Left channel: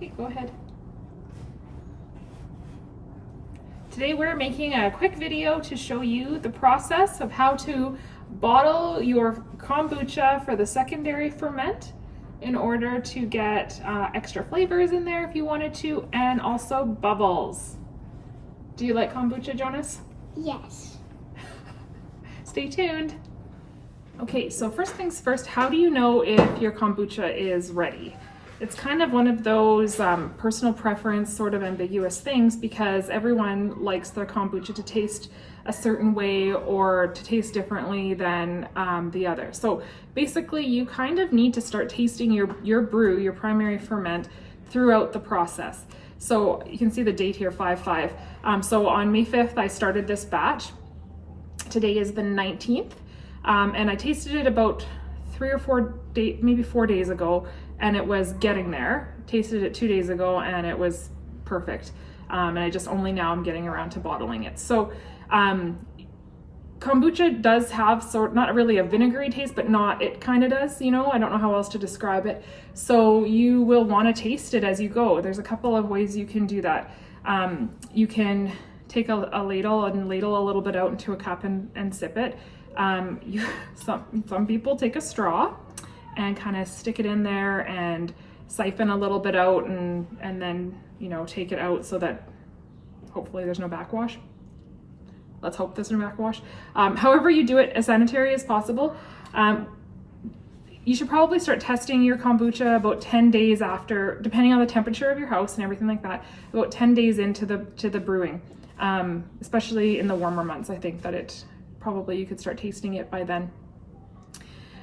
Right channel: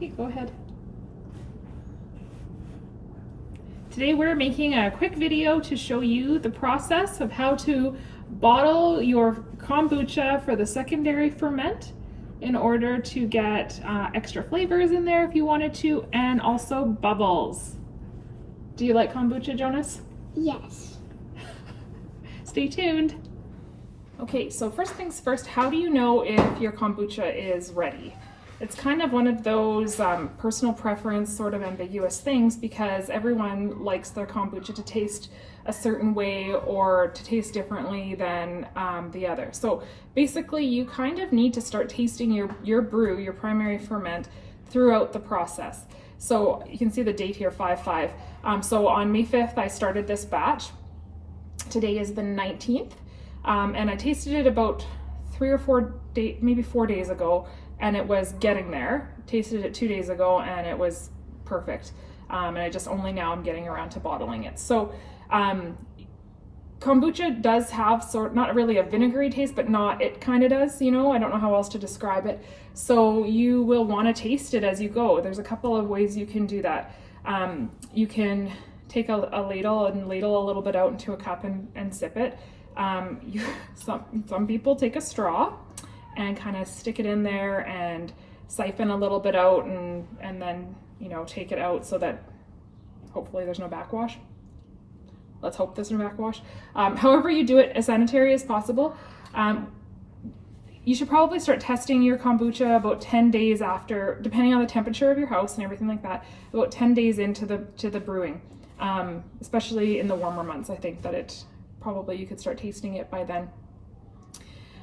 Okay, go ahead. Today we're making a quick video to show you the process of how to bottle your kombucha for the secondary ferment in order to get extra flavors in there if you wanted to, and also bubbles. Do you like kombucha, Jonas? Yes. Stay tuned. Okay, so first things first, how do you know if your kombucha is ready? It's kind of one of those personal preference sort of ambiguous things because everyone likes their kombucha to taste a certain way or to taste differently than the other. So basically you kind of need to start tasting your brew, your primary ferment, throughout the process. So you can see the date here, 5/5. So on May 5th, I started this batch. Today is the 19th. And I tasted it about 3 or 4 days, maybe 4 days ago, and it was getting there. Tasted it 2 days ago and it was perfect. And I just only now I'm getting around to bottling it. So kombucha does have not really a vinegary taste, but it kind of does, you know, I don't know how else to describe it. So you will want to taste it as you go. There's a couple of ways you can do that. You can take a ladle and ladle a little bit out into a cup and sip it. Some people take a straw and kind of stick it in there and siphon a little bit out and then, you know, take it out so that hopefully there's no backwash. Let's hope there's no backwash. However you do it as sanitary as possible. You should probably start testing your kombucha about 10 days after, depending on the temperature of your house and everything like that, about 10 days into the brewing, especially in the warmer months. I think that probably you could start tasting it by then.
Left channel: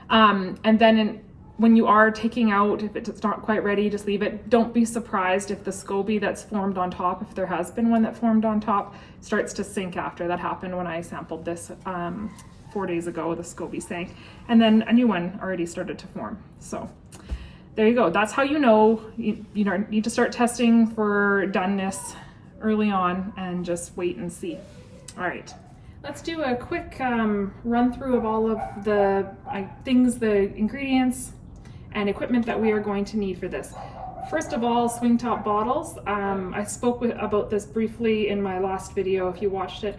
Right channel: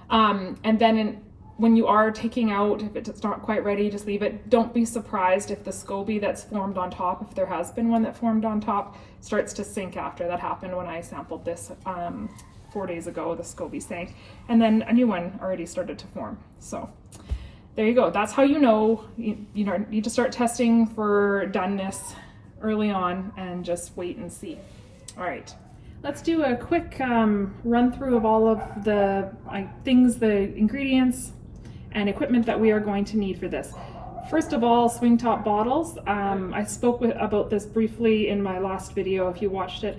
And then when you are taking out, if it's not quite ready, just leave it. Don't be surprised if the SCOBY that's formed on top, if there has been one that formed on top, starts to sink after. That happened when I sampled this 4 days ago, the SCOBY sank, and then a new one already started to form. So there you go. That's how you know you need to start testing for doneness early on and just wait and see. All right. Let's do a quick run through of all of the ingredients and equipment that we are going to need for this. First of all, swing top bottles. I spoke about this briefly in my last video if you watched it.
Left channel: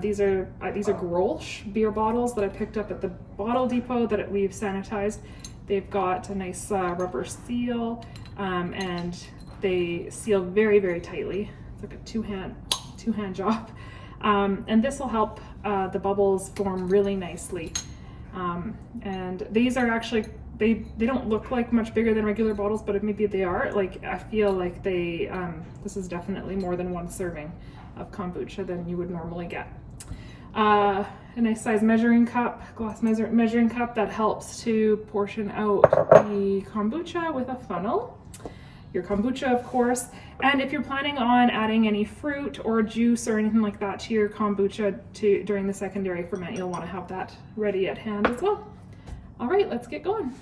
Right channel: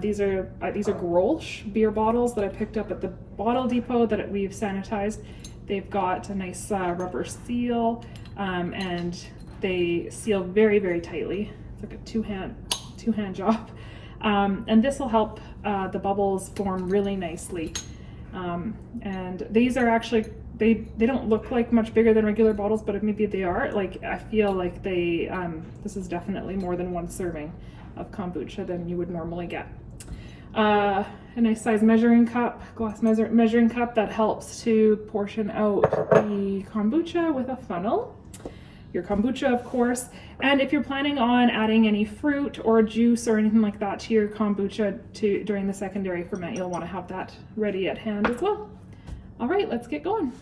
These are Grolsch beer bottles that I picked up at the bottle depot that we've sanitized. They've got a nice rubber seal and they seal very, very tightly. It's like a two-hand job. And this will help the bubbles form really nicely. And these are actually, they don't look like much bigger than regular bottles, but maybe they are. Like, I feel like this is definitely more than one serving of kombucha than you would normally get. A nice size measuring cup, glass measuring cup that helps to portion out the kombucha with a funnel. Your kombucha, of course, and if you're planning on adding any fruit or juice or anything like that to your kombucha during the secondary ferment, you'll want to have that ready at hand as well. All right, let's get going.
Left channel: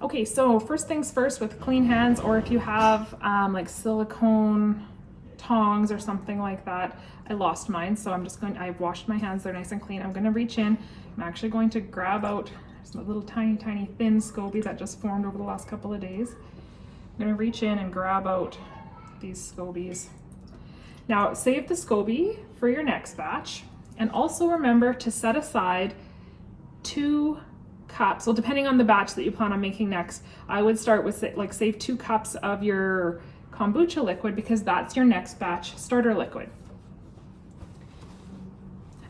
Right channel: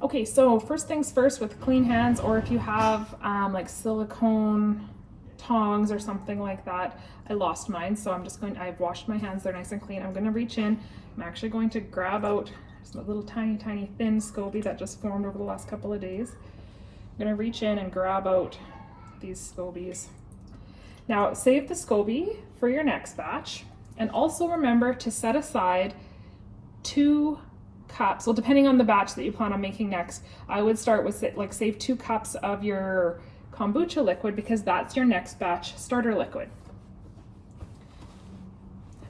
Okay, so first things first, with clean hands, or if you have like silicone tongs or something like that. I lost mine, so I've washed my hands, they're nice and clean. I'm going to reach in. I'm actually going to grab out some little tiny thin SCOBY that just formed over the last couple of days. I'm going to reach in and grab out these SCOBYs. Now save the SCOBY for your next batch, and also remember to set aside 2 cups. Well, depending on the batch that you plan on making next, I would start with save 2 cups of your kombucha liquid because that's your next batch starter liquid.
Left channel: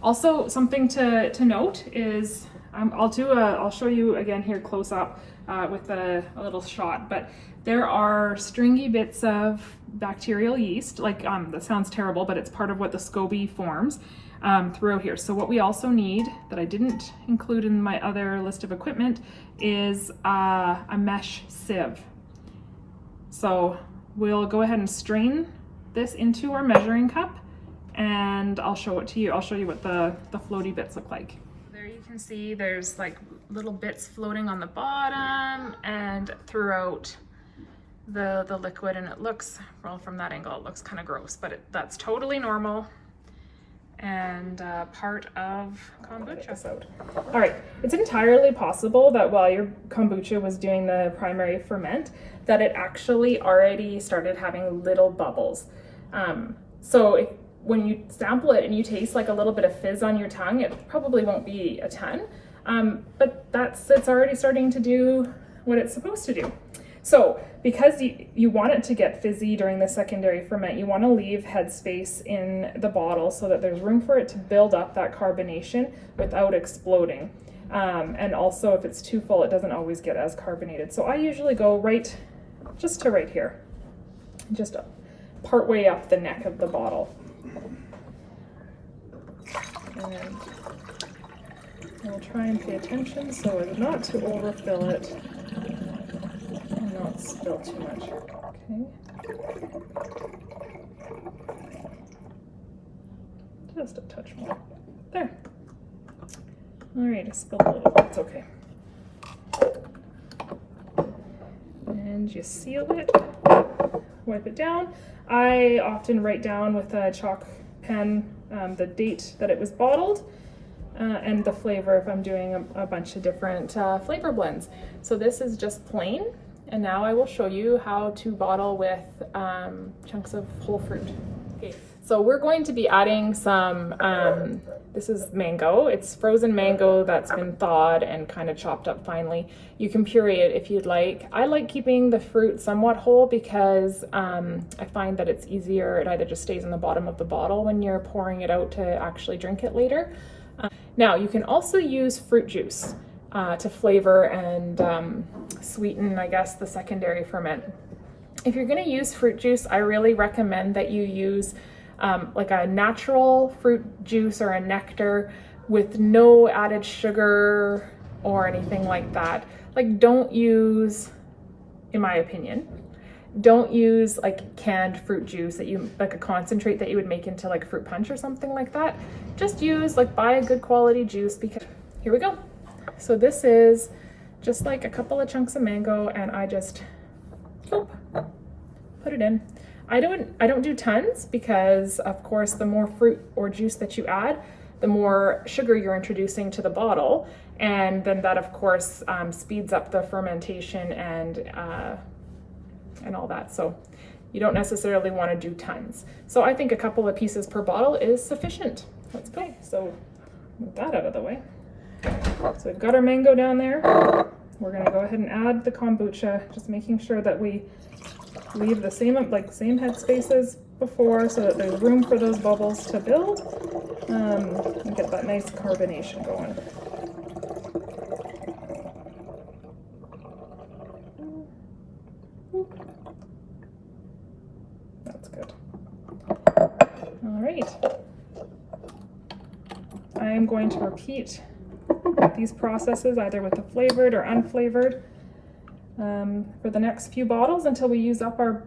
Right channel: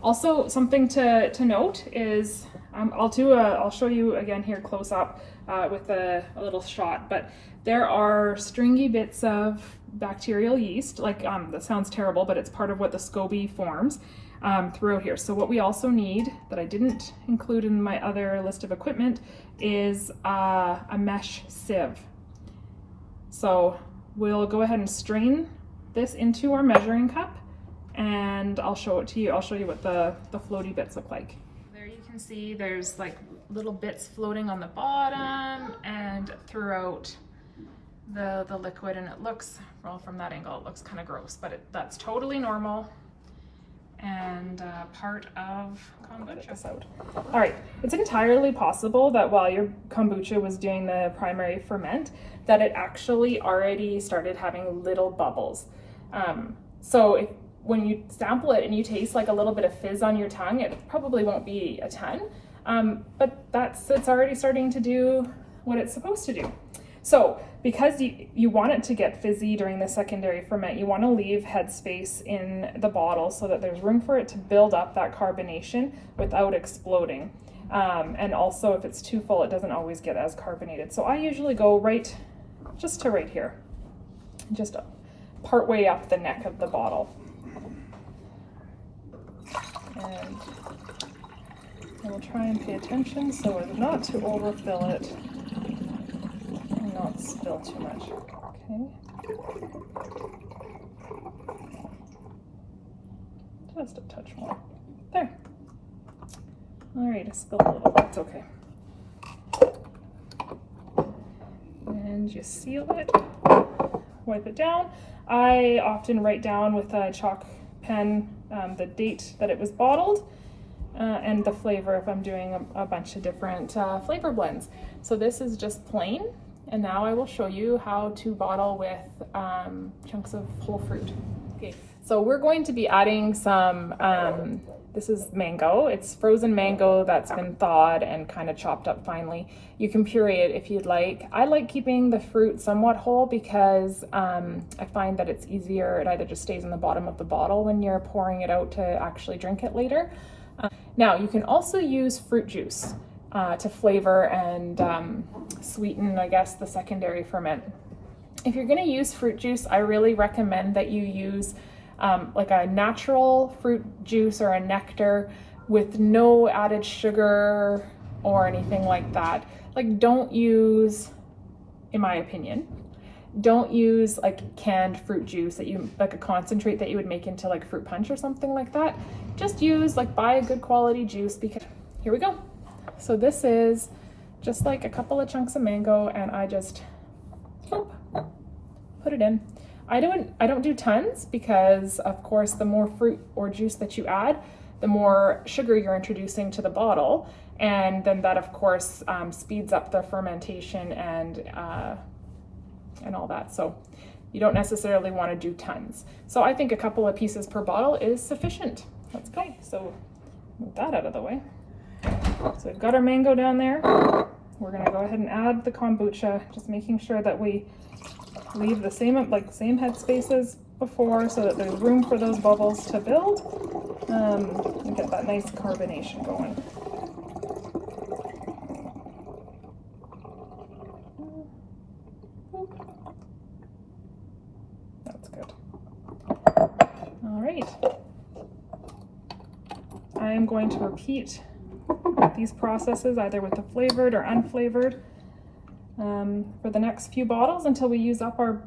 Also, something to note is I'll show you again here close up with a little shot, but there are stringy bits of bacterial yeast, that sounds terrible, but it's part of what the SCOBY forms throughout here. So what we also need, that I didn't include in my other list of equipment, is a mesh sieve. So we'll go ahead and strain this into our measuring cup, and I'll show it to you. I'll show you what the floaty bits look like. There you can see there's like little bits floating on the bottom and throughout the liquid, and it looks, well, from that angle it looks kind of gross, but that's totally normal. and part of kombucha. All right, it's entirely possible that while your kombucha was doing the primary ferment, that it actually already started having little bubbles. So when you sample it and you taste like a little bit of fizz on your tongue, it probably won't be a ton, but it's already starting to do what it's supposed to do. So because you want it to get fizzy during the secondary ferment, you want to leave headspace in the bottle so that there's room for it to build up that carbonation without exploding. And also if it's too full, it doesn't always get as carbonated. So I usually go just to right here, just part way up the neck of the bottle. And I will try and pay attention so as not to overfill it and not spill too much. Okay. Just a touch more. There. All right, I spilled a little. That's okay. And you seal it. Wipe it down. I often write down with a chalk pen the date that it was bottled and the flavor if I'm doing a bunch of different flavor blends. So this is just plain, and now I will show you how to bottle with chunks of whole fruit. Okay, so we're going to be adding some, this is mango. It's frozen mango that's been thawed and kind of chopped up finely. You can puree it if you'd like. I like keeping the fruit somewhat whole because I find that it's easier. It either just stays in the bottom of the bottle when you're pouring it out to actually drink it later. Now you can also use fruit juice to flavor and sweeten, I guess, the secondary ferment. If you're going to use fruit juice, I really recommend that you use like a natural fruit juice or a nectar with no added sugar or anything like that. Like, don't use, in my opinion, don't use like canned fruit juice that you, like a concentrate that you would make into like fruit punch or something like that. Just use, like, buy a good quality juice, because here we go. So this is just like a couple of chunks of mango, and I just put it in. I don't do tons because, of course, the more fruit or juice that you add, the more sugar you're introducing to the bottle, and then that, of course, speeds up the fermentation and all that. So you don't necessarily want to do tons. So I think a couple of pieces per bottle is sufficient. Let's go. So move that out of the way. So we've got our mango down there. We're going to go ahead and add the kombucha, just making sure that we leave the same headspace as before so that there's room for those bubbles to build and get that nice carbonation going. That's good. All right. I am going to repeat these processes either with the flavored or unflavored for the next few bottles until we use up our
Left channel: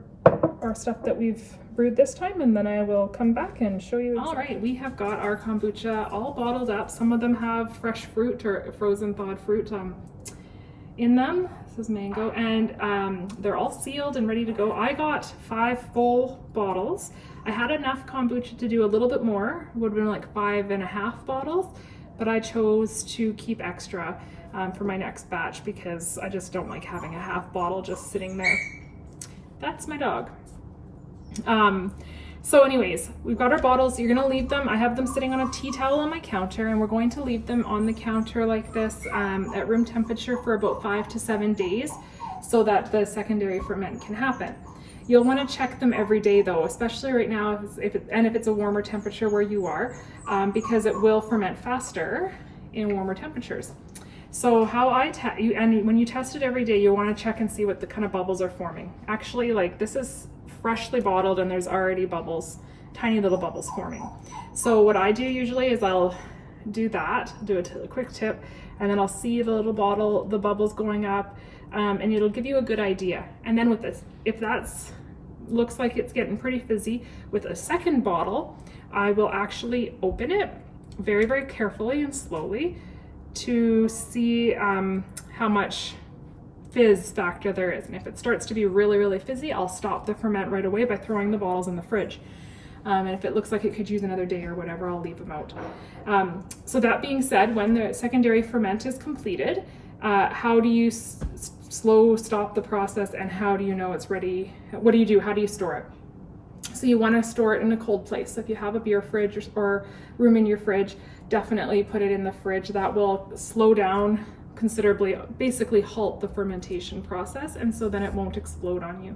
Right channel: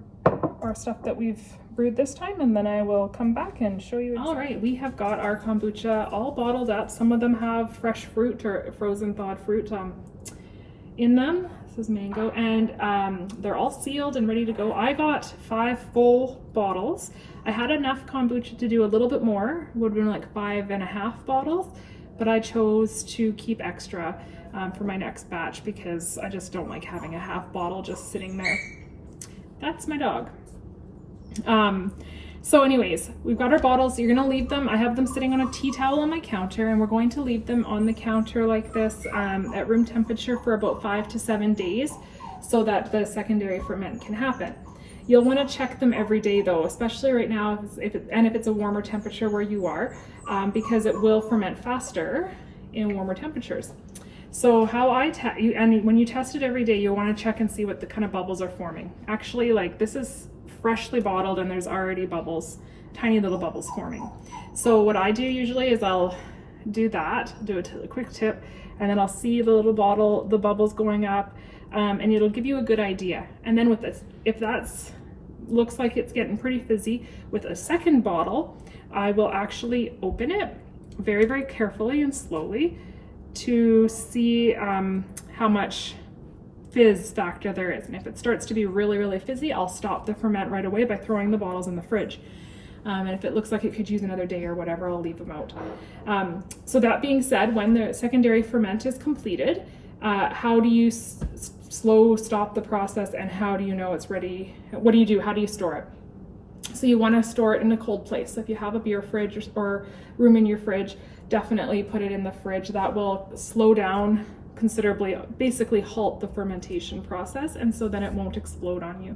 stuff that we've brewed this time, and then I will come back and show you exactly. All right, we have got our kombucha all bottled up. Some of them have fresh fruit or frozen thawed fruit in them. This is mango, and they're all sealed and ready to go. I got 5 full bottles. I had enough kombucha to do a little bit more. It would have been like 5.5 bottles, but I chose to keep extra for my next batch because I just don't like having a half bottle just sitting there. That's my dog. So anyways, we've got our bottles. You're gonna leave them. I have them sitting on a tea towel on my counter, and we're going to leave them on the counter like this at room temperature for about 5 to 7 days so that the secondary ferment can happen. You'll want to check them every day though, especially right now if it's a warmer temperature where you are, because it will ferment faster in warmer temperatures. So how and when you test it every day, you want to check and see what the kind of bubbles are forming. Actually, like, this is freshly bottled and there's already bubbles, tiny little bubbles forming. So what I do usually is I'll do a quick tip, and then I'll see the little bottle, the bubbles going up, and it'll give you a good idea. And then with this, if that's looks like it's getting pretty fizzy, with a second bottle, I will actually open it very, very carefully and slowly to see how much fizz factor there is. And if it starts to be really, really fizzy, I'll stop the ferment right away by throwing the bottles in the fridge. And if it looks like it could use another day or whatever, I'll leave them out. So that being said, when the secondary ferment is completed, how do you slow stop the process, and how do you know it's ready? What do you do? How do you store it? So you want to store it in a cold place. So if you have a beer fridge or room in your fridge, definitely put it in the fridge. That will slow down considerably, basically halt the fermentation process, and so then it won't explode on you.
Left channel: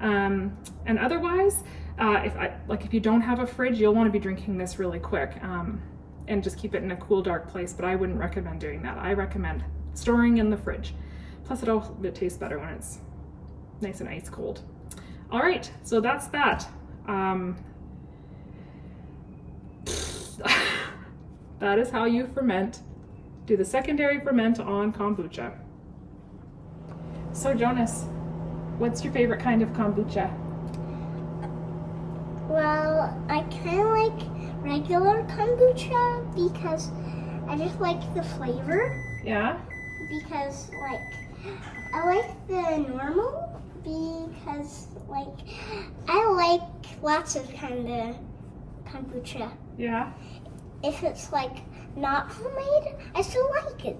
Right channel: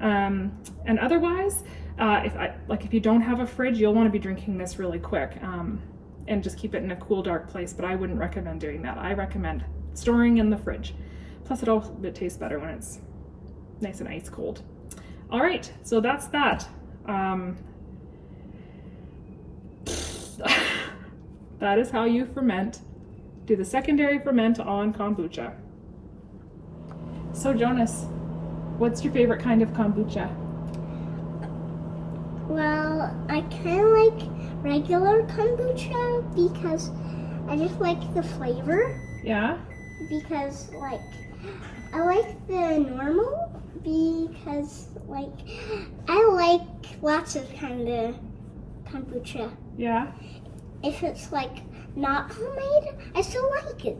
And otherwise, if you don't have a fridge, you'll want to be drinking this really quick, and just keep it in a cool, dark place. But I wouldn't recommend doing that. I recommend storing in the fridge. Plus, it tastes better when it's nice and ice cold. All right, so that's that. That is how you ferment. Do the secondary ferment on kombucha. So Jonas, what's your favorite kind of kombucha? Well, I kind of like regular kombucha because I just like the flavor. Yeah? Because, I like the normal because, I like lots of kind of kombucha. Yeah? If it's, not homemade, I still like it.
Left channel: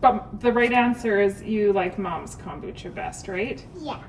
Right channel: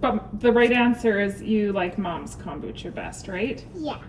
But the right answer is you like Mom's kombucha best, right? Yeah.